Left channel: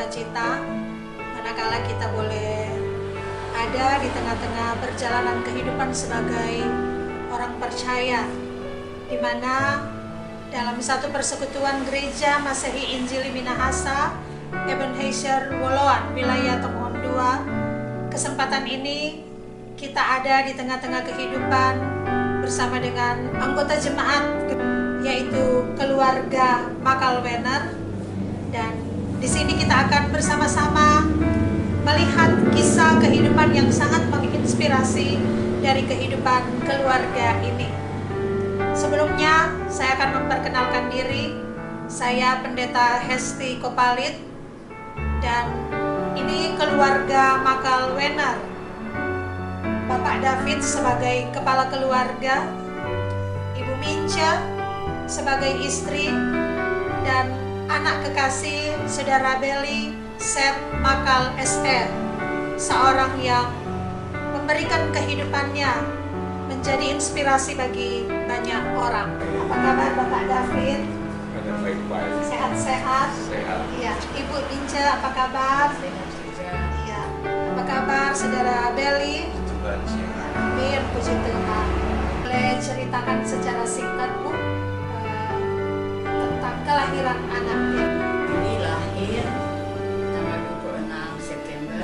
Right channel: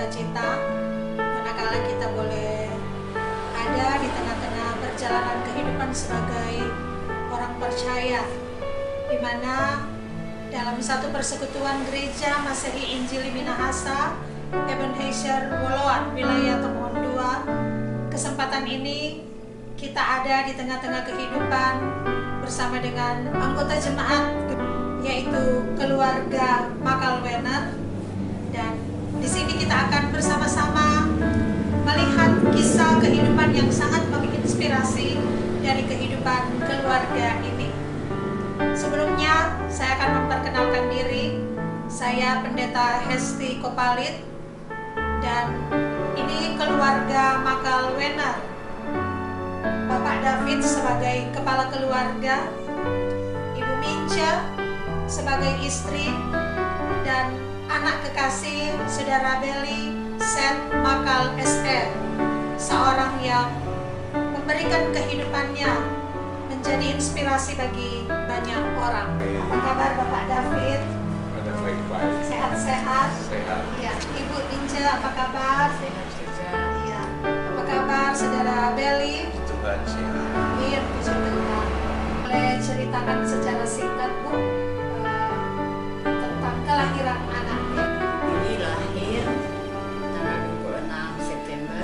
sukacita manakala kita boleh ada di tengah-tengah perjalanan kehidupan sebagai orang percaya, di mana dalam satu persekutuan gereja Masehi Injili Minahasa, Ebenezer Woloan, wilayah Tomohon 2, kesempatan ini kita ada di tengah-tengah kehidupan bersama dengan anggota jemaat, yaitu keluarga Makalwener, dan di sini kita akan bersama-sama melihat kisah kehidupan yang sangat menginspirasi dari kehidupan keluarga ini. Sebelumnya saya akan memperkenalkan diri. Saya Pendeta Hesti Kopalit, dan ini keluarga Makalwener. Bapak David sebagai kepala keluarga, Ibu Mince sebagai istri, dan anak kekasih Saudara Beli Seth Makal SR, seorang yang memberikan kehidupannya menjadi inspirasi bagi banyak orang. Apa kabar Bapak David? Ada baik-baik. Sehat-sehat? Sehat. Iya. Ibu Mince apa kabar? Sehat juga. Iya. Apa kabar Saudara Beli? Tuhan sehat. Amin, puji Tuhan. Boleh ceritakan secara singkat, Bu, tentang kelahiran anaknya? Ini lahir tanggal 26 September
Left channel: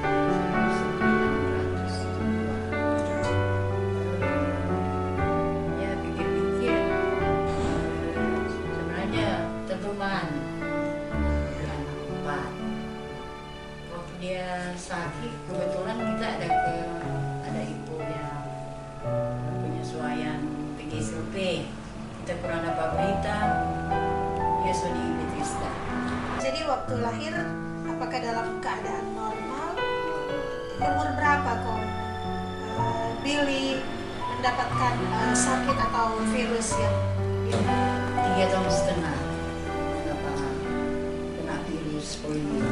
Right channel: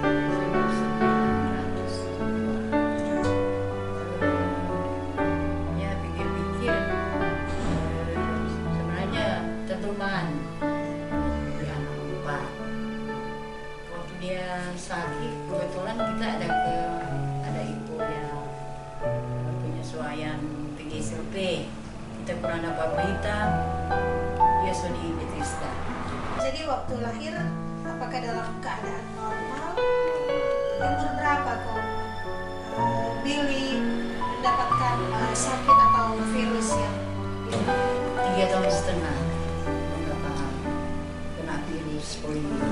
1902. Ya pikir-pikir, sebenarnya tentuman di anak 4. Waktu dia sakit, kebetulan kita ada ibu yang penyesuaian PGSLP. Kita kurang dapat berita, dia sudah di Bethesda. Jadi waktu lahir, apakah dalam keadaan normal? Umur berapa kok Billy mendapatkan sakit atau virus yang 3 tahun setengah mendapat kena virus polio.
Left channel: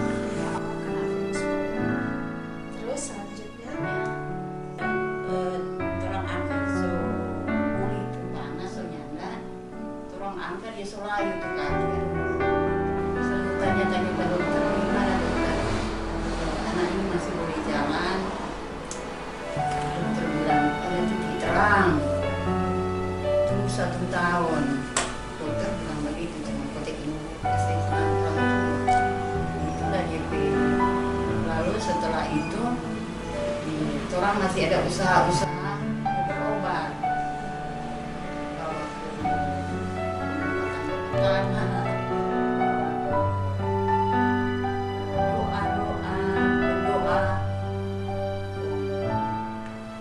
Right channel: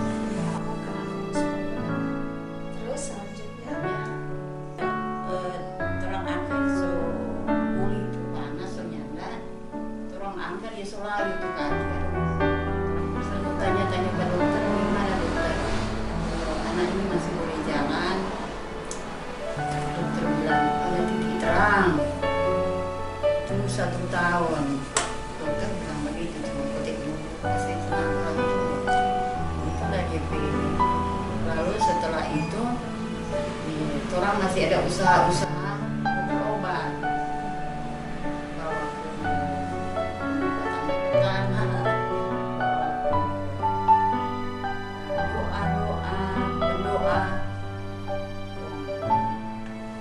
kena virus polio? Terus selanjutnya? Terang angkat so kulit itu panas so nyanda, terang angkat dia so layu tuh kaki. Selalu tanya-tanya ke dokter, gimana dokter? Anak ini masih boleh jalan. Dokter bilang ada titik terang. Tunggu 1 tahun. Dokter bilang begitu, cuma kotek dulu kasih tenang orang tua. Itulah dia pilih. Lalu setelah itu orang masih ada usaha-usaha berobat. Kalau doa-doa, berdoa.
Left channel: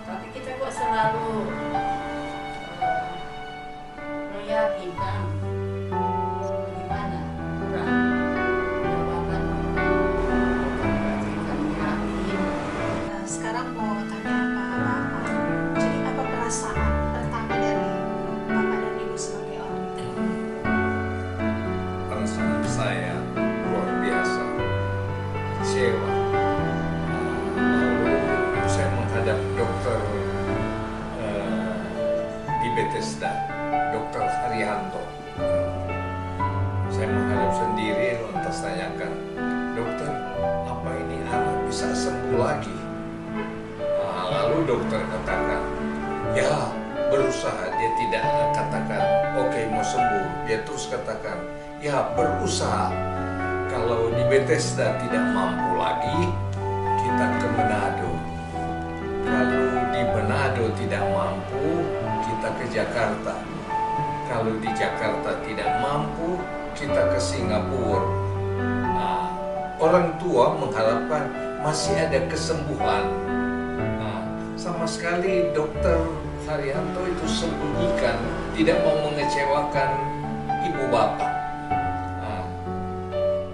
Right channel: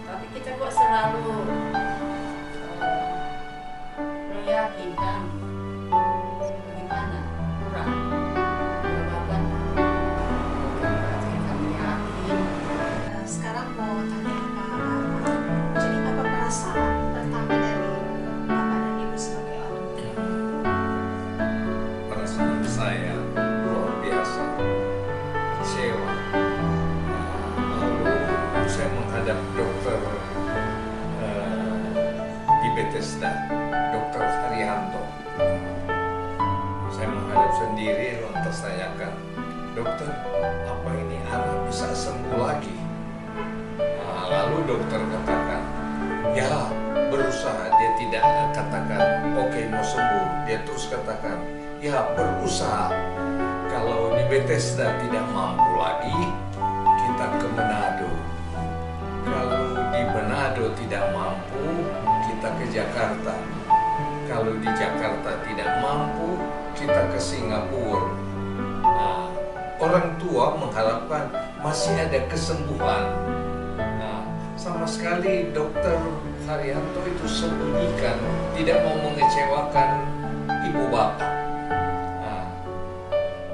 Tapi kita kok selalu meyakinkan bagaimana kurang jawaban. Kami yakin. Sekarang mau tanya Bapak, jadi apa perasaan pertama dari Bapak dan Ibu sebagai orang tua? Perasaan saya luar biasa, kecewa. Lalu saya menghadap dokter di Bethesda, Dokter Haryanto. Saya menghadap sendiri, lantas tanyakan, dokter, apa ini anak bisa sembuh lagi? Lalu dokter katakan, ya berusaha. Dia tidak katakan, oke, mau sembuh. Dia terus katakan, ya berusaha. Kalau di Bethesda tidak mampu lagi, kita ke Manado. Kalau di Manado tidak mampu, kita ke Jakarta. Kalau di Jakarta tidak mampu, kita ke Singapura. Orang tua mengharapkan masih ada kesembuhan. Sama sekali dokter Haryanto itu sembunyikan, tidak mau mengecewakan ibu bapak.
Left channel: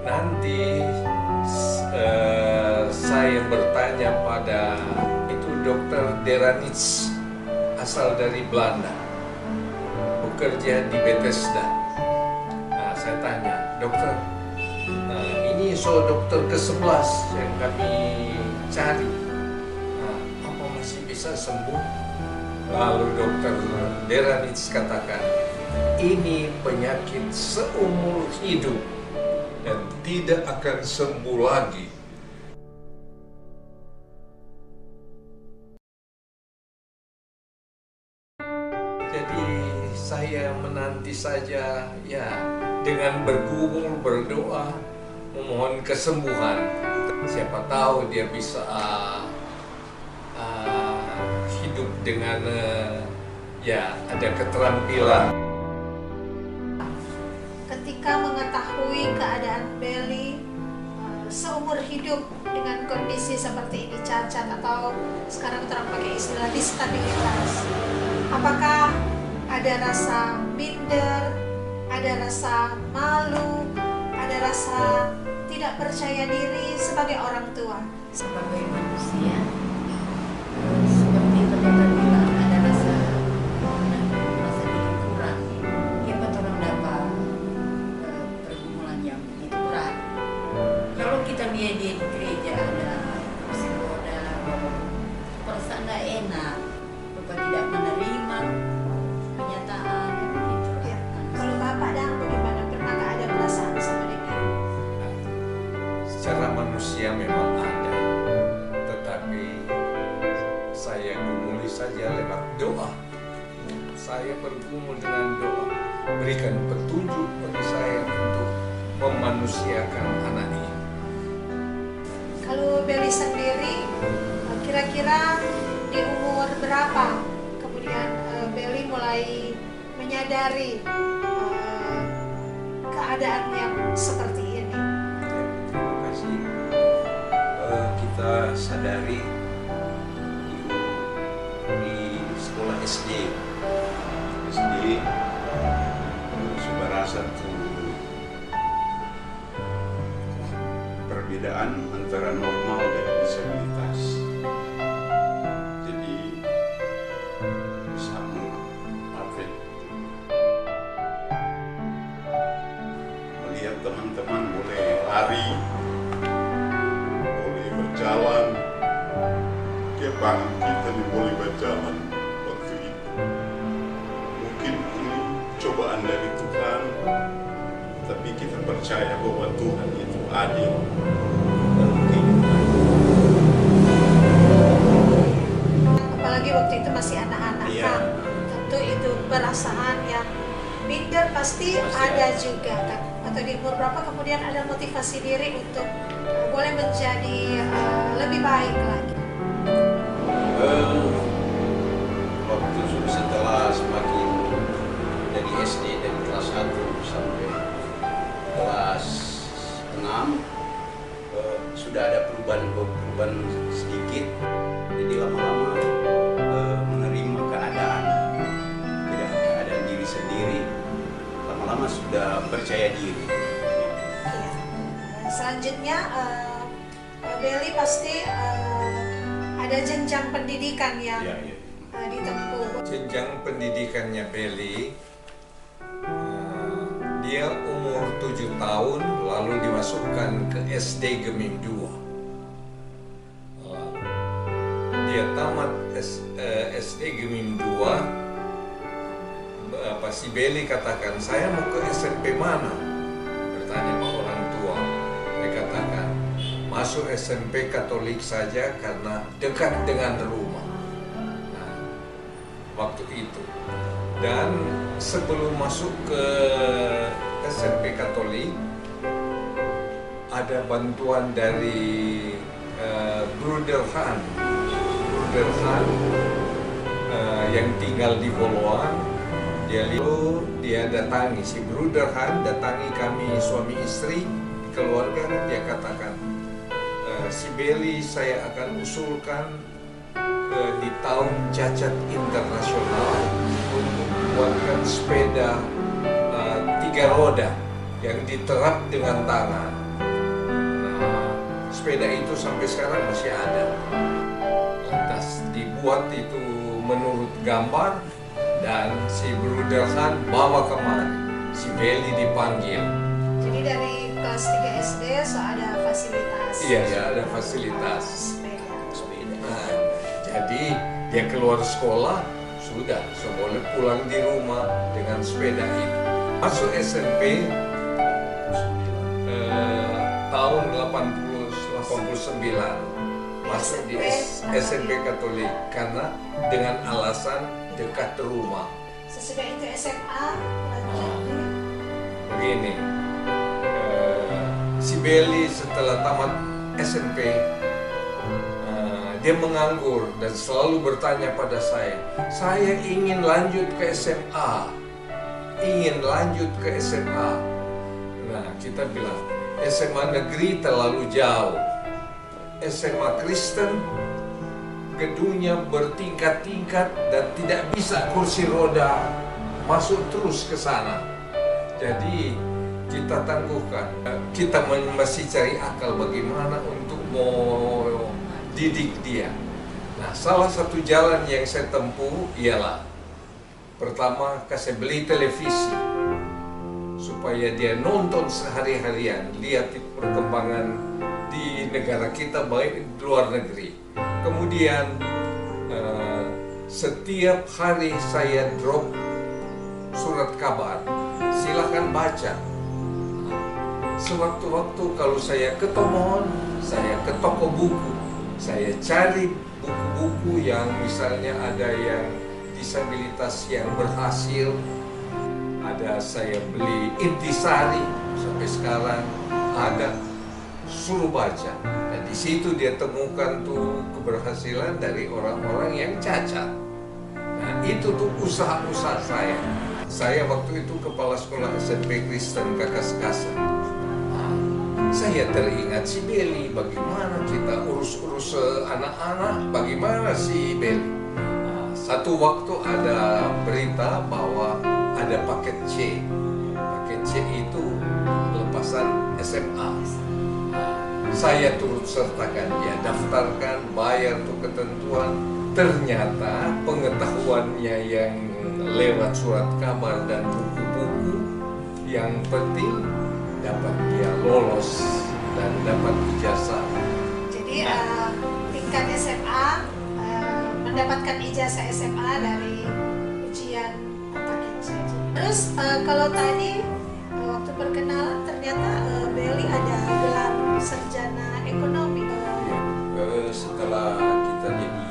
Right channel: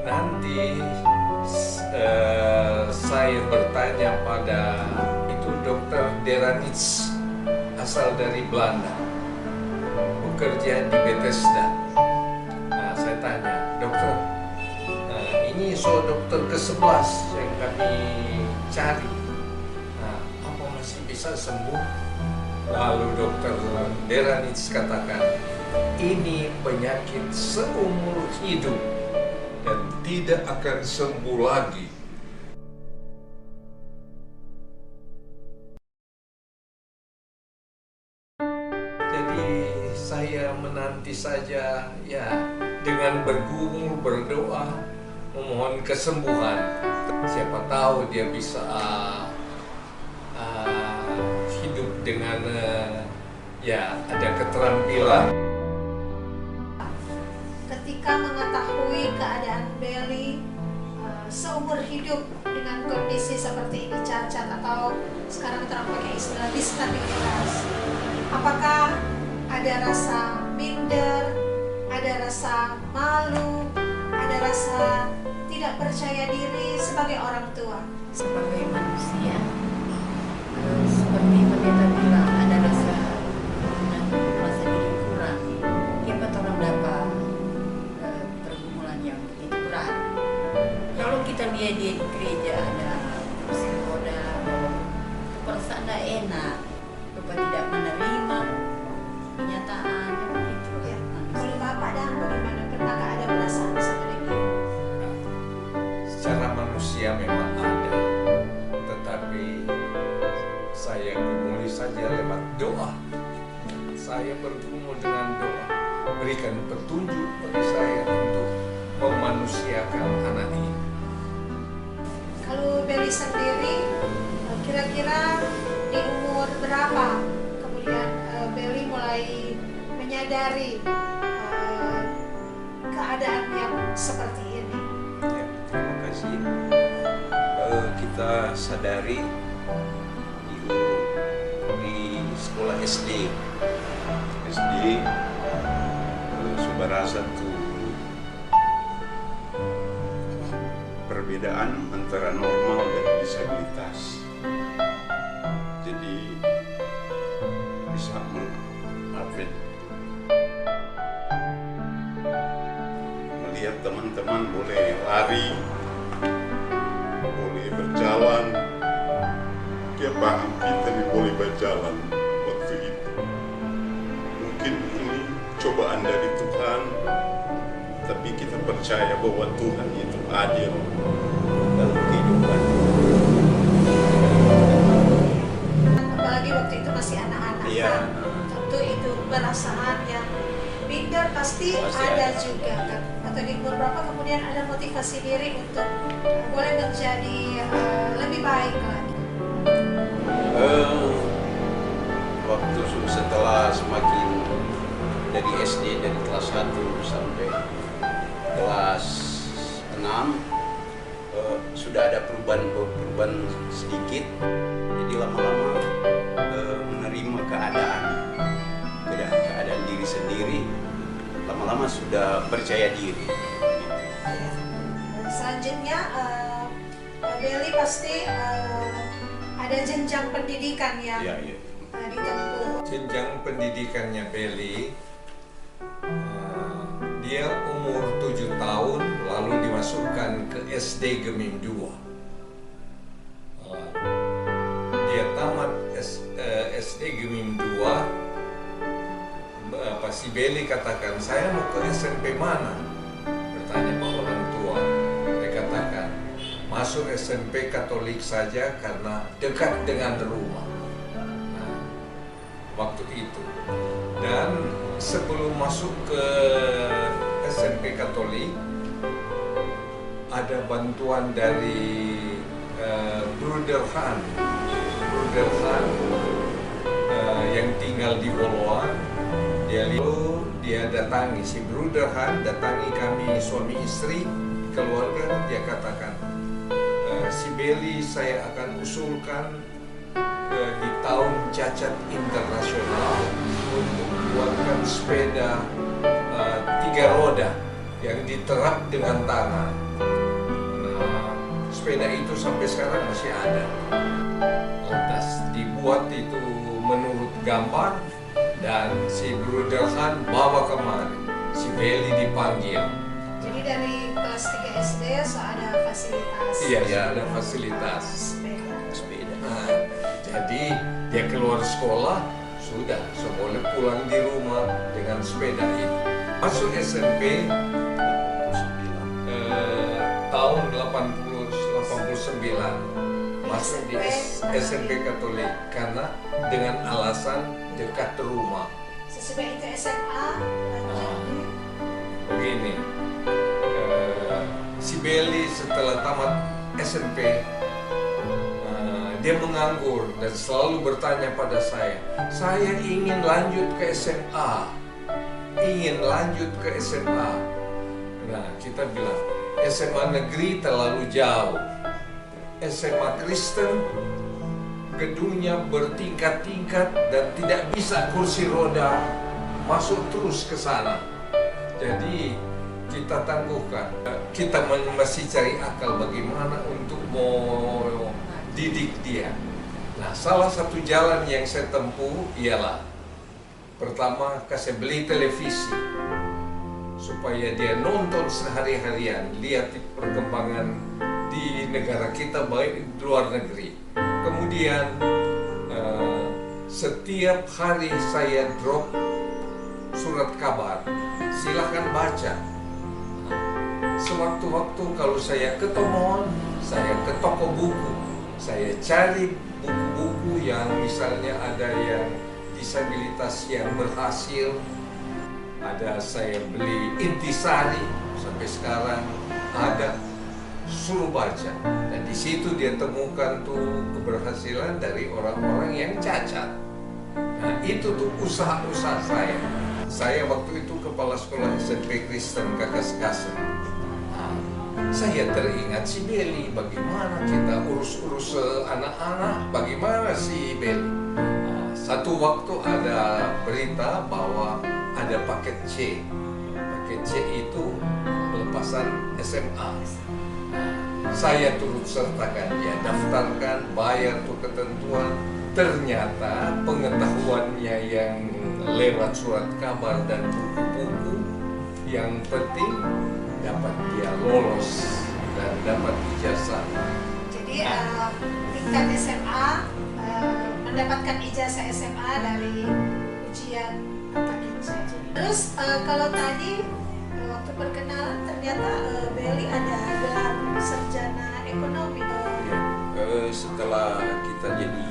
Nanti saya bertanya pada itu dokter Deranits, asal dari Belanda, bekerja di Bethesda. Saya tanya, dokter, ini dokter ke-11 yang kami cari. Apa masih bisa sembuh? Lalu dokter Deranits katakan, ini penyakit seumur hidup. dan tidak akan sembuh lagi. Jadi saya menanti saja ya dengan bergumul, berdoa, memohon kesembuhan. Siapa tahu dia bisa hidup dengan ya ada keterampilan. Ketika mengetahui keadaan Belly seumur hidup dengan kondisi seperti ini, cacat atau sekarang terang pakai istilah disabilitas, apakah ada rasa minder, ada rasa malu, ada rasa tidak percaya diri sebagai orang tua? Sebagai manusia, seperti pendeta bilang, ada rasa diri kurang. Dapat orang dapat pergumulan yang begitu berat. Kalau kita lihat dia di gereja ada kursi roda, perasaan tidak enak, lupa tidak menerima kenyataannya begitu. Ya. Kalau Bapak dan bagaimana, pernahkah ada perasaan seperti itu? Secara manusia memang ada, tetapi saya gumuli saja lewat doa. Saya bergumul dengan doa. Berikan petunjuk bagi saya untuk memanusiakan anak ini. Kalau Belly sendiri, kira-kira di umur berapa kemudian Belly mulai menyadari keadaan yang seperti ini? Ya, terima kasih. Kita sadari di sekolah SD sudah satu perbedaan antara normal dan disabilitas. Jadi bisa melihat teman-teman boleh lari, boleh berjalan, kayak paham kita nih boleh berjalan waktu itu. Mungkin ini cobaan dari Tuhan, tapi kita percaya bahwa Tuhan itu adil dalam kehidupan. Apalagi waktu itu masih anak-anak, Iya. kan? Tentu itu perasaan yang minder pasti ada juga kan. Atau di umur berapa kemudian ada motivasi diri untuk boleh menjadi lebih baik lagi? Waktu setelah semakin dari SD dari kelas 1 sampai kelas 6 sudah ada perubahan sedikit, jadi lama-lama menerima keadaan diri sendiri, lama-lama sudah percaya diri. Iya. Selanjutnya Belly pasti ada jenjang pendidikan yang Ya, ya. ditempuh. Jenjang pendidikannya Belly, dia umur 7 tahun lalu dimasukkan ke SD Gemim 2. Dia tamat SD Gemim 2. Si Belly katakan, saya mau ke SMP mana? Bertanya pak orang tua. Saya katakan, masuk SMP Katolik saja karena dekat dengan rumah. Nah, waktu itu. Dan sebelum masuk ke SMP Katolik, ada bantuan dari Bruder Han yang tinggal di Boloan. Dia datangi, si Bruder Han datangi kami suami istri, keluarga. Dia katakan, si Belly saya akan usulkan di tahun cacat internasional untuk membuatkan sepeda 3 roda yang diterap dengan tangan. Nah, sepeda itu sampai sekarang masih ada. Lantas dibuat itu menurut gambar, dan si Bruder Han bawa kemari. Si Belly dipanggil. Jadi dari kelas 3 SD so ada fasilitas. Iya, ada fasilitas. Sepeda. Nah, jadi dia keluar sekolah sudah boleh pulang di rumah dengan sepeda itu. Masuk SMP tahun 89 masuk di SMP Katolik karena dengan alasan dekat rumah. Sesudah itu SMA lanjut Begini, si Belly setelah tamat SMP dia menganggur dan selalu bertanya pada saya ingin lanjut ke SMA, ingin lanjut ke SMA. Nah, kita bilang SMA negeri terlalu jauh, SMA Kristen gedungnya bertingkat-tingkat dan tidak bisa kursi roda masuk terus ke sana. Jadi kita tangguhkan, kita masih cari akal bagaimana untuk mau didik dia. Nah, salah satu jalan yang saya tempuh ialah pertama kasih beli televisi supaya dia nonton sehari-harian, lihat perkembangan di negara kita baik di luar negeri. Kemudian setiap hari saya drop surat kabar, silahkan baca. Sewaktu-waktu kalau saya ke mall, saya ke toko buku, saya cari buku-buku yang misalnya ada yang disabilitas yang berhasil, ada saya beli Intisari sampai sekarang ada, suruh baca. Dan di situ dia temukan tuh keberhasilan dari orang-orang yang cacat. Nah, itu tuh usaha-usaha saya. Saya waktu itu kepala sekolah SMP Kristen Kakaskasa. Saya teringat si Belly, bagaimana kita urus-urus anak-anak, bagaimana si Belly. Satu waktu ada berita bahwa ada paket C. Paket C itu pelepasan SMA. Saya turut sertakan dia, daftarkan, bayar tuh ketentuan. Ternyata pengetahuannya yang lewat surat kabar dan buku-buku, yang penting dapat dia lolos dan dapat ijazah. Jadi tingkat SMA mendapatkan ijazah SMA dari ujian paket C. Terus kalau tadi waktu perkenalan ternyata Belly ada gelar sarjana ekonomi. Setelah kita jadi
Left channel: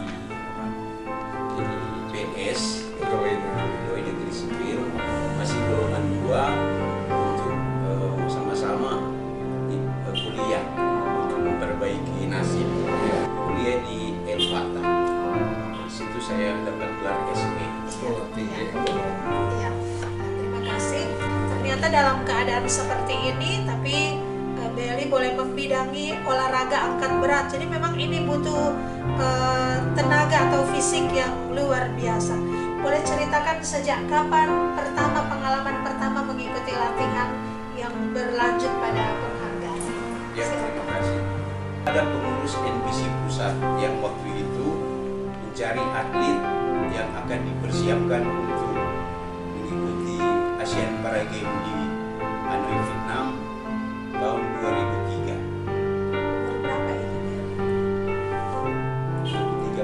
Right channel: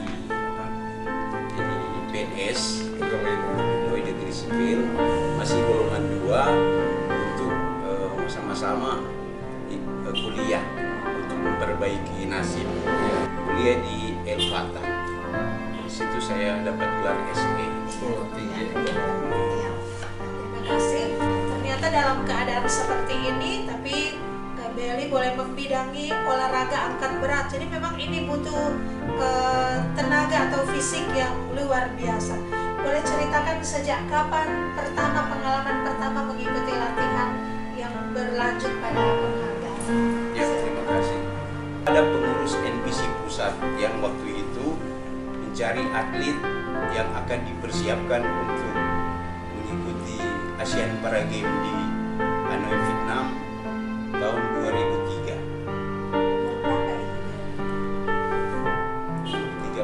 PNS, pegawai negeri sipil, masih golongan 2 untuk sama-sama kuliah untuk memperbaiki nasib. Kuliah di El Fatah. Di situ saya dapat gelar SE. Sekolah Tinggi Ekonomi. Ya, terima kasih. Ternyata dalam keadaan seperti ini, tapi Belly boleh membidangi olahraga angkat berat. Jadi memang ini butuh tenaga atau fisik yang luar biasa. Boleh ceritakan sejak kapan pengalaman pertama mengikuti latihan yang berlanjut pada penghargaan? Ya, terima kasih. Ada pengurus NPC pusat yang waktu itu mencari atlet yang akan dipersiapkan untuk mengikuti Asian Para Games di Hanoi, Vietnam tahun 2003. Umur berapa itu dia? 30.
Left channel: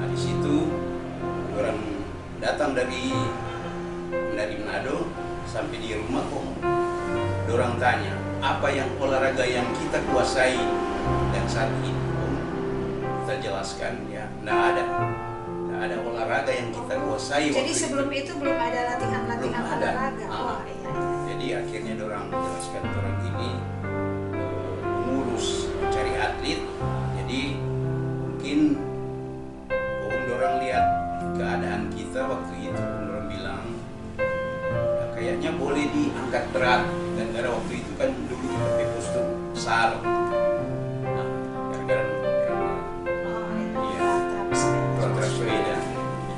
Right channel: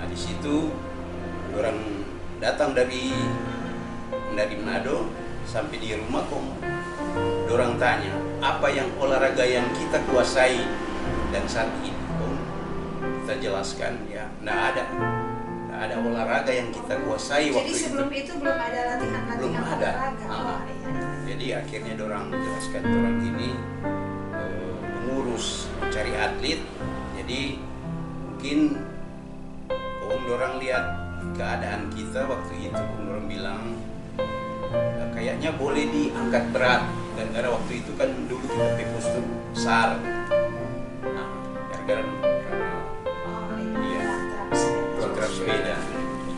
Nah, di situ orang datang dari Manado sampai di rumah kok. Orang tanya, apa yang olahraga yang kita kuasai dan saat ini kita jelaskan ya, nggak ada olahraga yang kita kuasai. Jadi sebelum itu belum ada latihan-latihan olahraga. Oh, iya. Jadi akhirnya orang jelaskan orang ini mengurus cari atlet. Jadi mungkin orang lihat keadaan kita waktu itu, orang bilang kayaknya boleh diangkat berat. Dan karena waktu itu kan dulu kita pepos tuh SAR. Nah, gara-gara kontrak sepeda.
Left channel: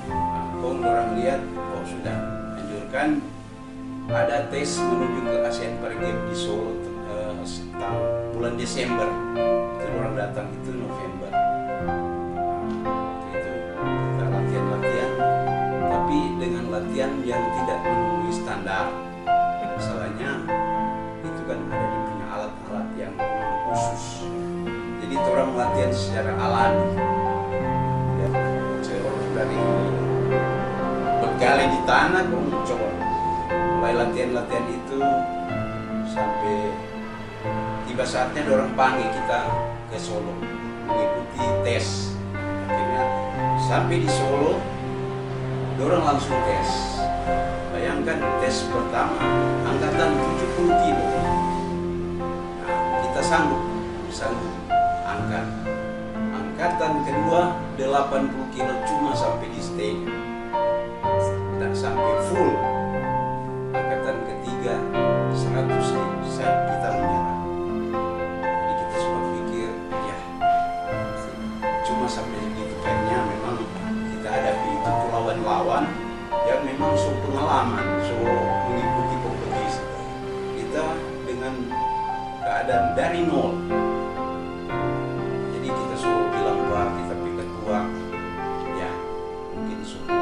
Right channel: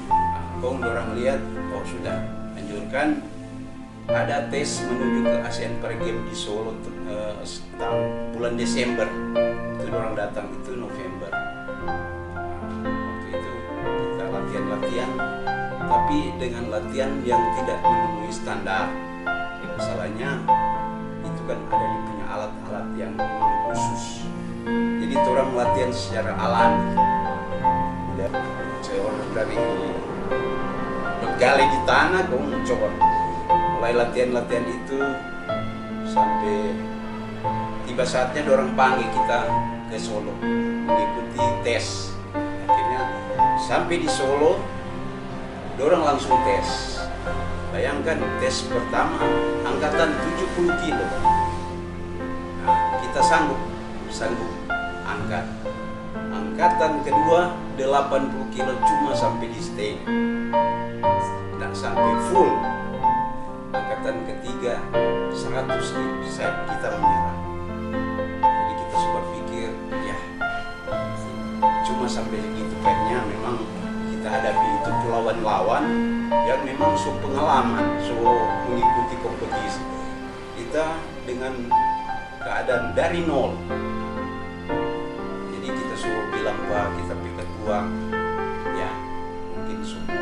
Nah, orang lihat, oh sudah, anjurkan ada tes menuju ke Asian Para Games di Solo tahun bulan Desember. Itu orang datang itu November. Nah, waktu itu kita latihan, tapi dengan latihan yang tidak memenuhi standar. Masalahnya itu kan ada di punya alat-alat yang khusus. Jadi orang latihan secara alami. Dan seorang dari bergali di tanah, coba mulai latihan itu sampai tiba saatnya dorang panggil kita ke Solo mengikuti tes. Akhirnya sampai di Solo dorang langsung tes. Bayangkan tes pertama angkatan 70 kilo. Nah, kita sanggup angkat. Angkatan kedua 80 kilo cuma sampai di setengah, tidak sampai full. Angkatan ketiga 100 kilo, kita menyerah. Jadi kita sempat pikir, ya cuma sampai segitu. Kayaknya memang kita hadapi itu lawan-lawan yang memang so pengalaman, so mengikuti kompetisi. Kita dengan keadaan dari nol. Jadi kita suruh bilang, wah kita pikir uang, ya mungkin semua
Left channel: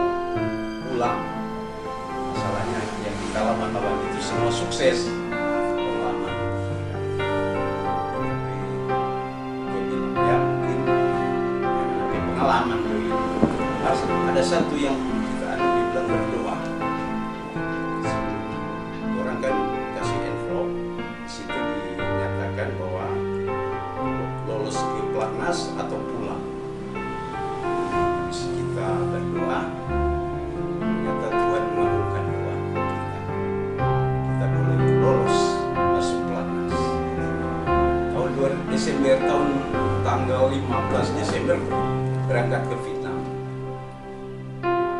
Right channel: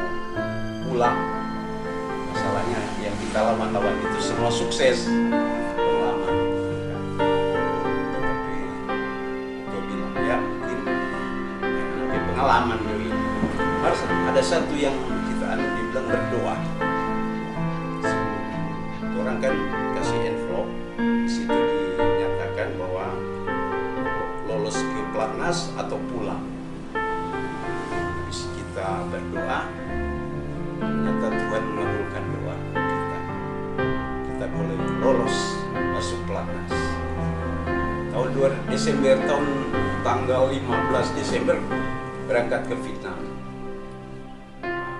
pulang. Masalahnya yang kita lawan itu semua sukses pengalaman. Tapi gue bilang ya mungkin tapi pengalaman ini harus ada satu yang kita dibilang berdoa. Orang kan kasih envelope, di situ dinyatakan bahwa lolos ke pelatnas atau pulang. Habis kita berdoa, ternyata Tuhan mengabulkan doa kita. Kita boleh lolos masuk pelatnas. Tahun 2 Desember, tanggal 15 Desember berangkat ke Vietnam.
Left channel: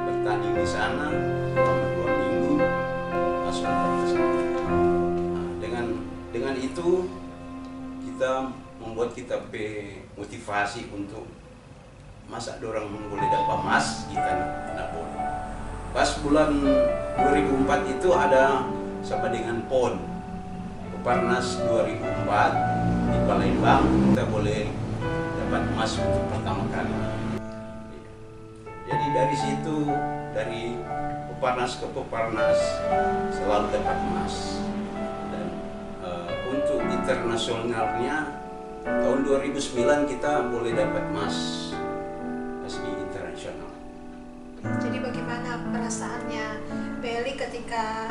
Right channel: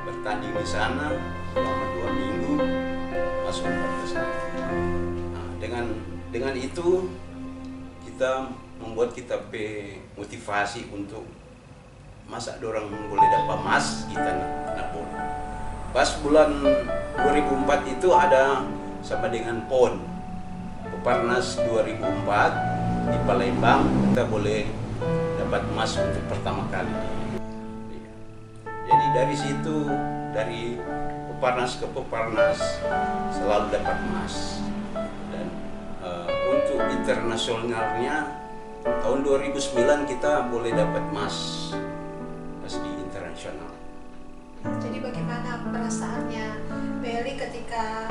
Bertanding di sana selama 2 minggu, masuk 14 hari. Nah, dengan itu kita membuat kita motivasi untuk masa dorang boleh dapat emas, kita nak boleh. Pas bulan 2004 itu ada sama dengan PON Peparnas 2004 di Palembang, kita boleh dapat emas untuk pertama kali. Jadi dari situ, dari Peparnas ke Peparnas selalu dapat emas. Dan untuk internasionalnya tahun 2009 kita boleh dapat emas di internasional. Jadi bagaimana perasaannya Belly ketika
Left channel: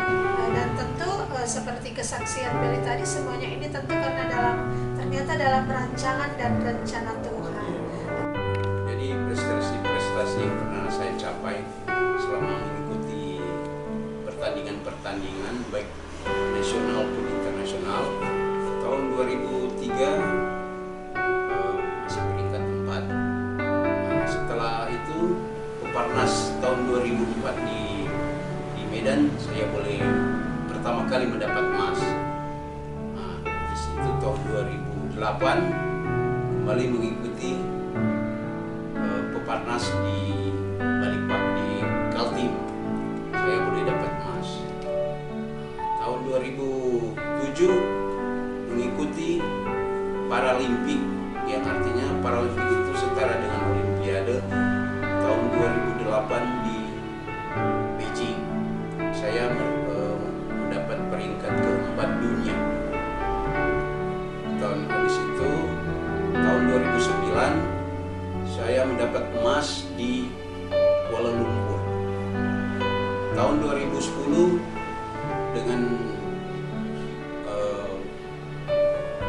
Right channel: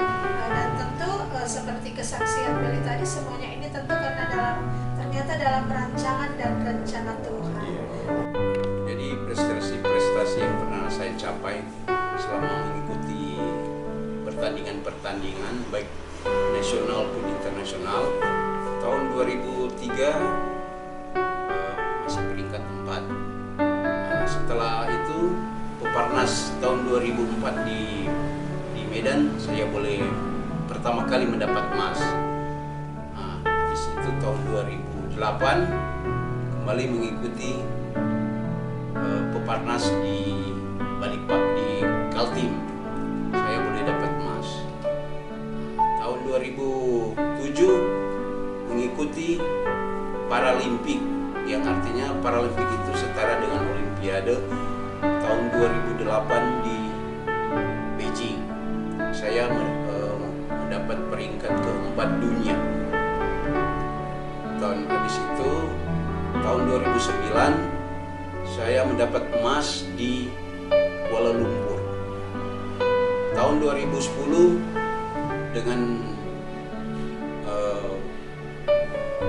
dan tentu seperti kesaksian Belly tadi, semuanya ini tentu karena ternyata dalam rancangan dan rencana Tuhan. Jadi prestasi yang pernah saya capai selama mengikuti pertandingan baik nasional pun internasional, tahun 2003 masih peringkat 4. Setelah itu Peparnas tahun 2004 di Medan saya boleh pertama kali mendapat emas. Nah, di situ tahun 2008 kembali mengikuti Peparnas di Balikpapan di Kaltim, saya boleh dapat emas. Tahun 2007 mengikuti Paralimpik, yang artinya Paralimpik itu setara dengan Olimpiade. Tahun 2008 di Beijing saya mendapat peringkat keempat dunia. Tahun habis itu tahun 2009 saya mendapat emas di Kuala Lumpur. Tahun 2010 dengan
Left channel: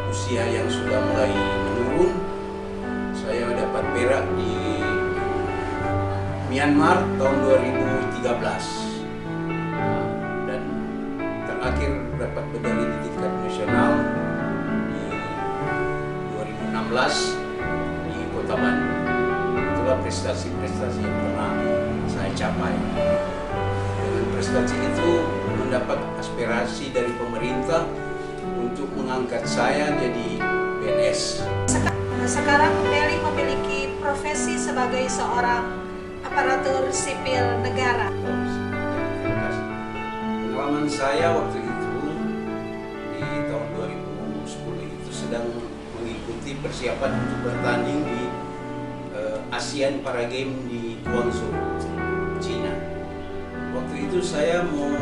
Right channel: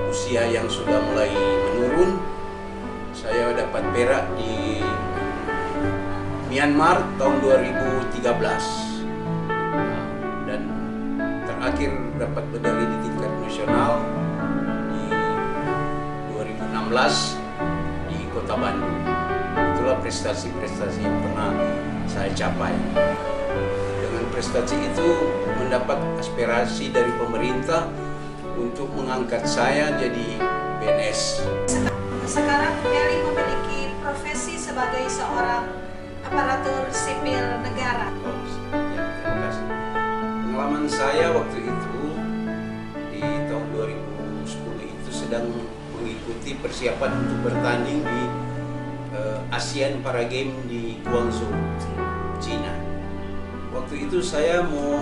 usia yang sudah mulai menurun, saya dapat perak di Myanmar tahun 2013. Dan terakhir dapat medali di tingkat nasional di 2016 di Kota Bandung. Itulah prestasi-prestasi yang pernah saya capai. Dengan prestasi itu mendapat aspirasi dari pemerintah untuk mengangkat saya jadi PNS. Sekarang Belly memiliki profesi sebagai seorang aparatur sipil negara. Ya, terima kasih. Pengalaman saya waktu itu di tahun 2010 itu sedang mengikuti persiapan untuk bertanding di ASEAN Para Games di Guangzhou, Cina. Waktu itu saya mau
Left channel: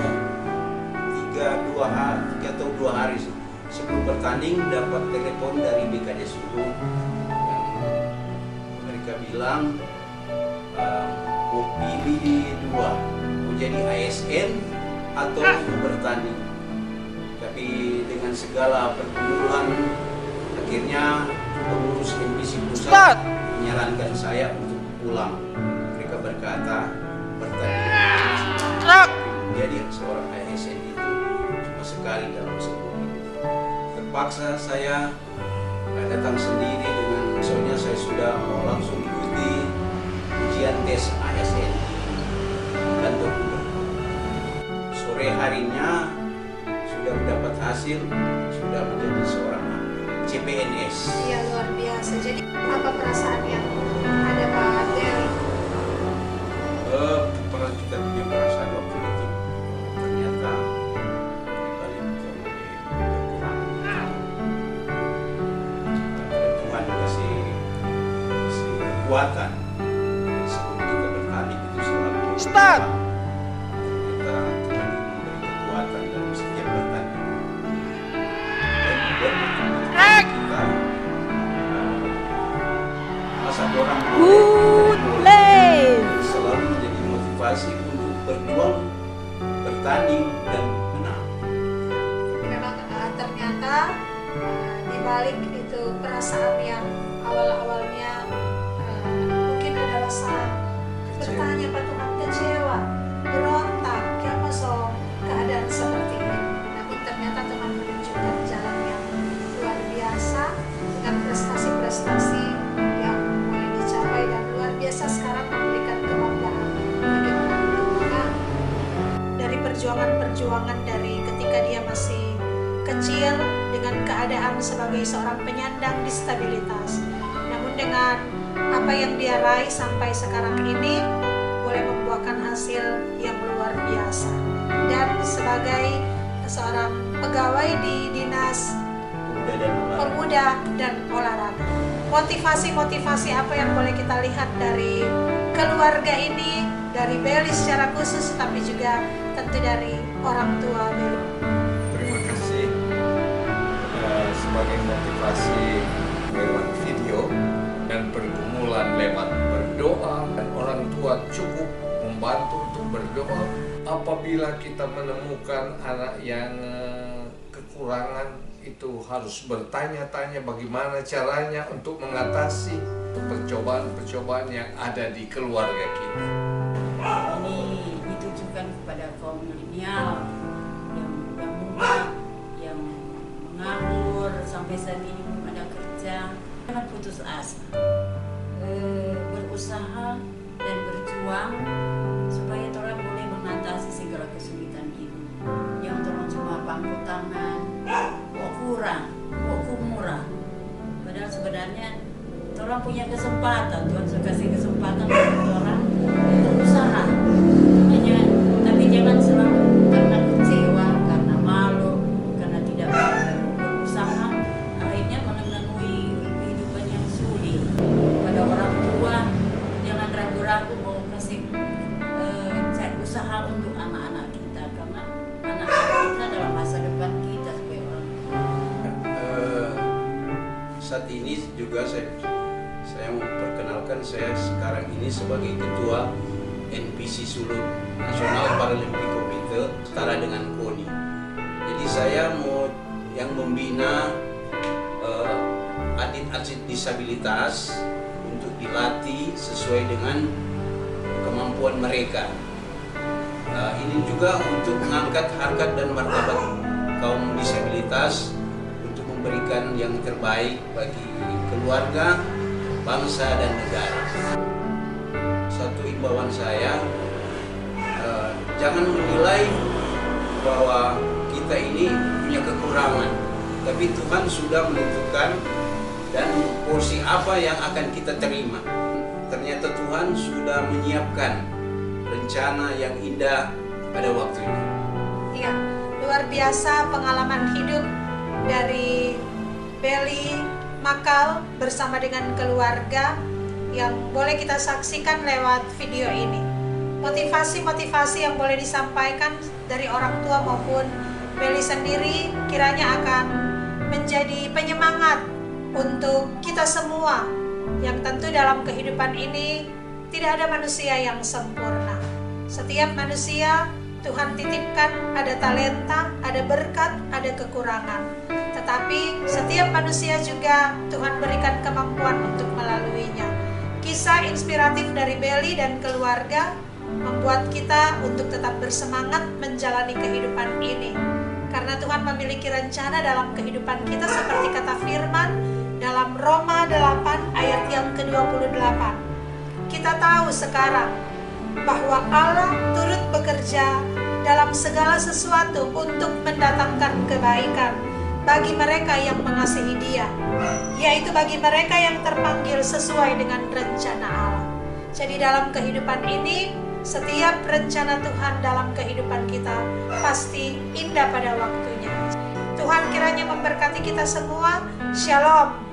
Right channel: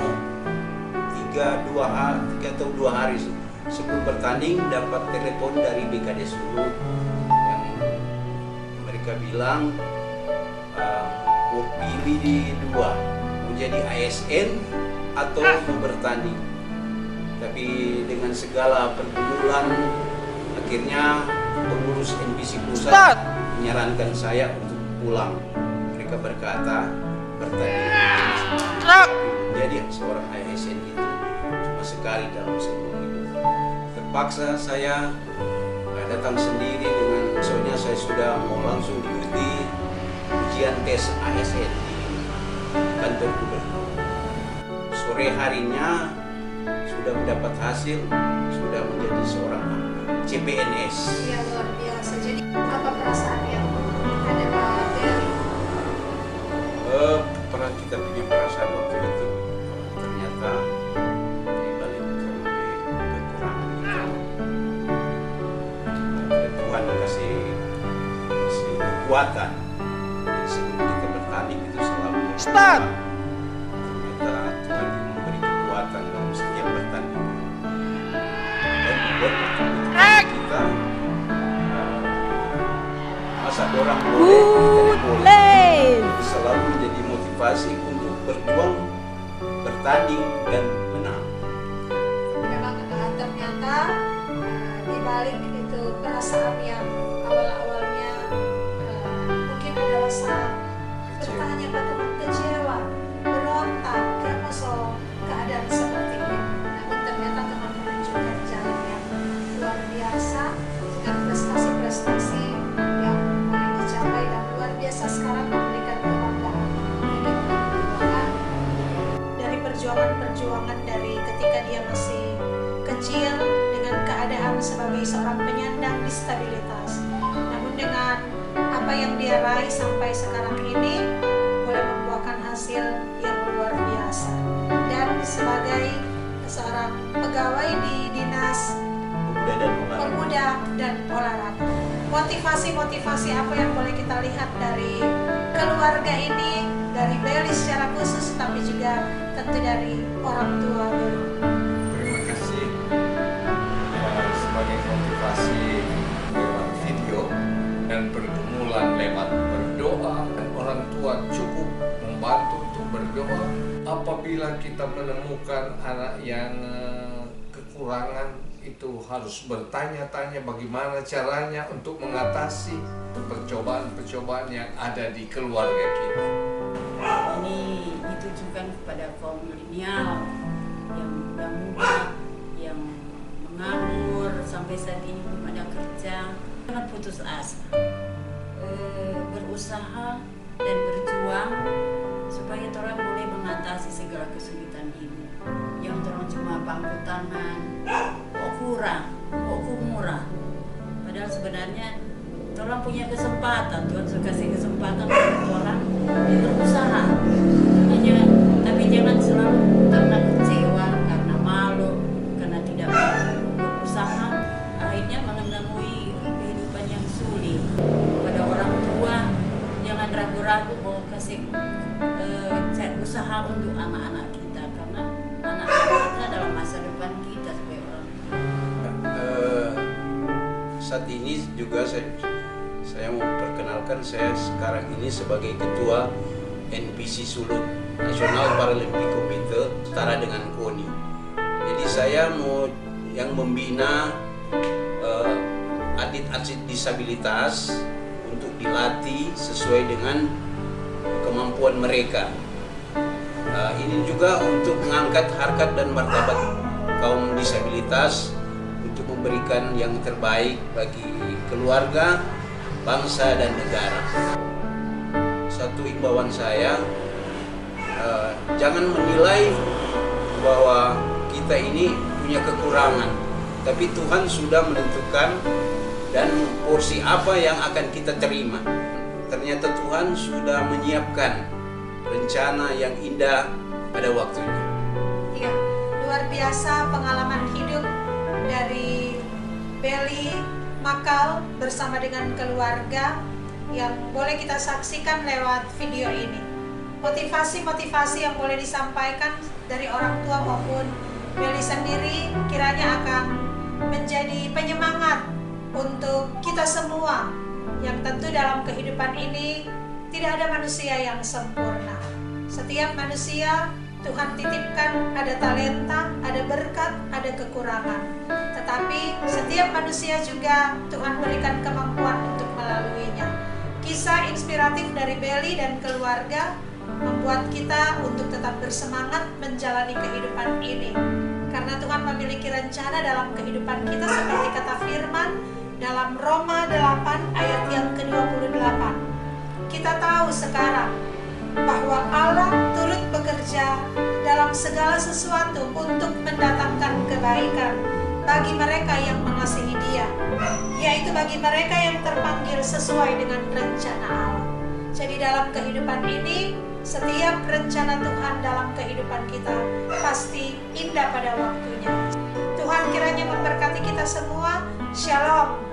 3 atau 2 hari sebelum bertanding dapat telepon dari BKD Sulu yang mereka bilang mau pilih di 2, mau jadi ASN atau mau bertanding. Tapi Tapi dengan segala pergumulan, akhirnya pengurus NPC pusat menyarankan saya untuk pulang. Mereka berkata, bertanding menjadi seorang ASN itu cuma sekali dalam seumur hidup. Terpaksa saya datang sendiri dengan, soalnya saya sudah mau langsung ikuti ujian tes ASN di kantor gubernur. Sore harinya sudah mendapat hasil, sudah menjadi seorang CPNS. Iya, luar biasa. Jadi apa perasaan yang ada Pak Deli? Pernah kita punya perasaan waktu itu, ternyata di balik kekurangan itu ada Tuhan kasih kekuatan. Jadi sebelum kita bertanding itu selalu start. Ternyata Tuhan memberi kekuatan dalam setiap pertandingan. Dan buat kita masa orang boleh selalu menjadi motivasi untuk berjuang, bertanding dan menang. Memang ternyata di balik itu perasaan yang awalnya mungkin ada rasa bertanya Pak Tuhan, kecewa, berontak, kenapa so keadaan seperti ini. Namun ternyata Tuhan menunjukkan jalan yang luar biasa dengan prestasi-prestasi yang mulai dicapai dan luar biasa sekarang memberikan kebanggaan bagi orang tua. Dari perjuangan-perjuangan dari ketika dia masih kecil dengan keadaan sebagai seorang penyandang disabilitas, namun dengan apa yang dia raih sampai sekarang ini boleh membuahkan hasil yang luar biasa. Dan sebagai seorang pegawai di Dinas Pemuda dan Olahraga, motivasi-motivasi apa yang boleh kita lihat dari keluarga ini, dari Beli secara khusus, tapi juga tentu dari orang tua Beli? Terima kasih sebagai motivasi lewat video dan pergumulan lewat berdoa, dan orang tua cukup membantu untuk berdoa. Apabila kita menemukan anak yang kekurangan, itu harus bertanya-tanya bagaimana caranya untuk mengatasi percobaan-percobaan yang ada di keluarga kita. Ini ditujukan kepada kaum milenial yang muda-muda, yang menganggur sampai saat ini belum ada kerja. Jangan putus asa, berusaha dan berjuang supaya orang boleh mengatasi segala kesulitan hidup. Yang orang cuma pangku tangan, kok kurang, kok murah. Padahal sebenarnya orang punya kesempatan, Tuhan sudah kasih kesempatan untuk orang untuk usaha. Tapi jangan selalu karena kecewa, karena malu, karena tidak berusaha, akhirnya menemui kehidupan yang sulit. Pada orang tua, jangan ragu-ragu mau kasih usaha untuk anak-anak kita, karena anak-anak kita adalah masa depan kita sebagai orang tua. Saat ini juga saya mau perkenalkan, saya sekarang ini sebagai ketua NPC Sulut, National Paralympic Committee, setara dengan KONI. Jadi saya mau yang membina atlet-atlet disabilitas untuk dilatih sesuai dengan kemampuan mereka. Ini juga untuk mengangkat harkat dan martabat kaum disabilitas, untuk memberikan yang terbaik bagi keluarga, bangsa dan negara. Satu imbauan saya, jangan menilai bahwa kita ini punya kekurangan, tapi Tuhan sudah menentukan dan porsi apa yang akan kita terima. Ternyata Tuhan sudah menyiapkan rencana yang indah pada waktunya. Iya, luar biasa pengalaman hidup dari Beli Makal bersama dengan keluarga yang boleh kita saksikan lewat video ini. Motivasi-motivasi yang boleh disampaikan dari orang tua maupun Beli sendiri kiranya akan menjadi penyemangat untuk kita semua, yang tentu dalam kehidupan ini tidak ada manusia yang sempurna. Setiap manusia Tuhan titipkan ada talenta, ada berkat, ada kekurangan. Tetapi setiap manusia juga Tuhan berikan kemampuan untuk melaluinya. Kisah inspiratif dari Belly dan keluarga membuat kita untuk tetap bersemangat menjalani kehidupan ini. Karena Tuhan memiliki rencana dalam kehidupan kita seperti kata firman dalam Roma 8 ayat yang ke-28. Kita tahu sekarang bahwa Allah turut bekerja dalam segala sesuatu untuk mendatangkan kebaikan bagi mereka yang mengasihi Dia, yaitu bagi mereka yang terpanggil sesuai dengan rencana Allah. Jadi dalam kehidupan ini, setiap rencana Tuhan dalam kehidupan kita pasti indah pada waktunya. Tuhan kiranya memberkati kita semua. Shalom.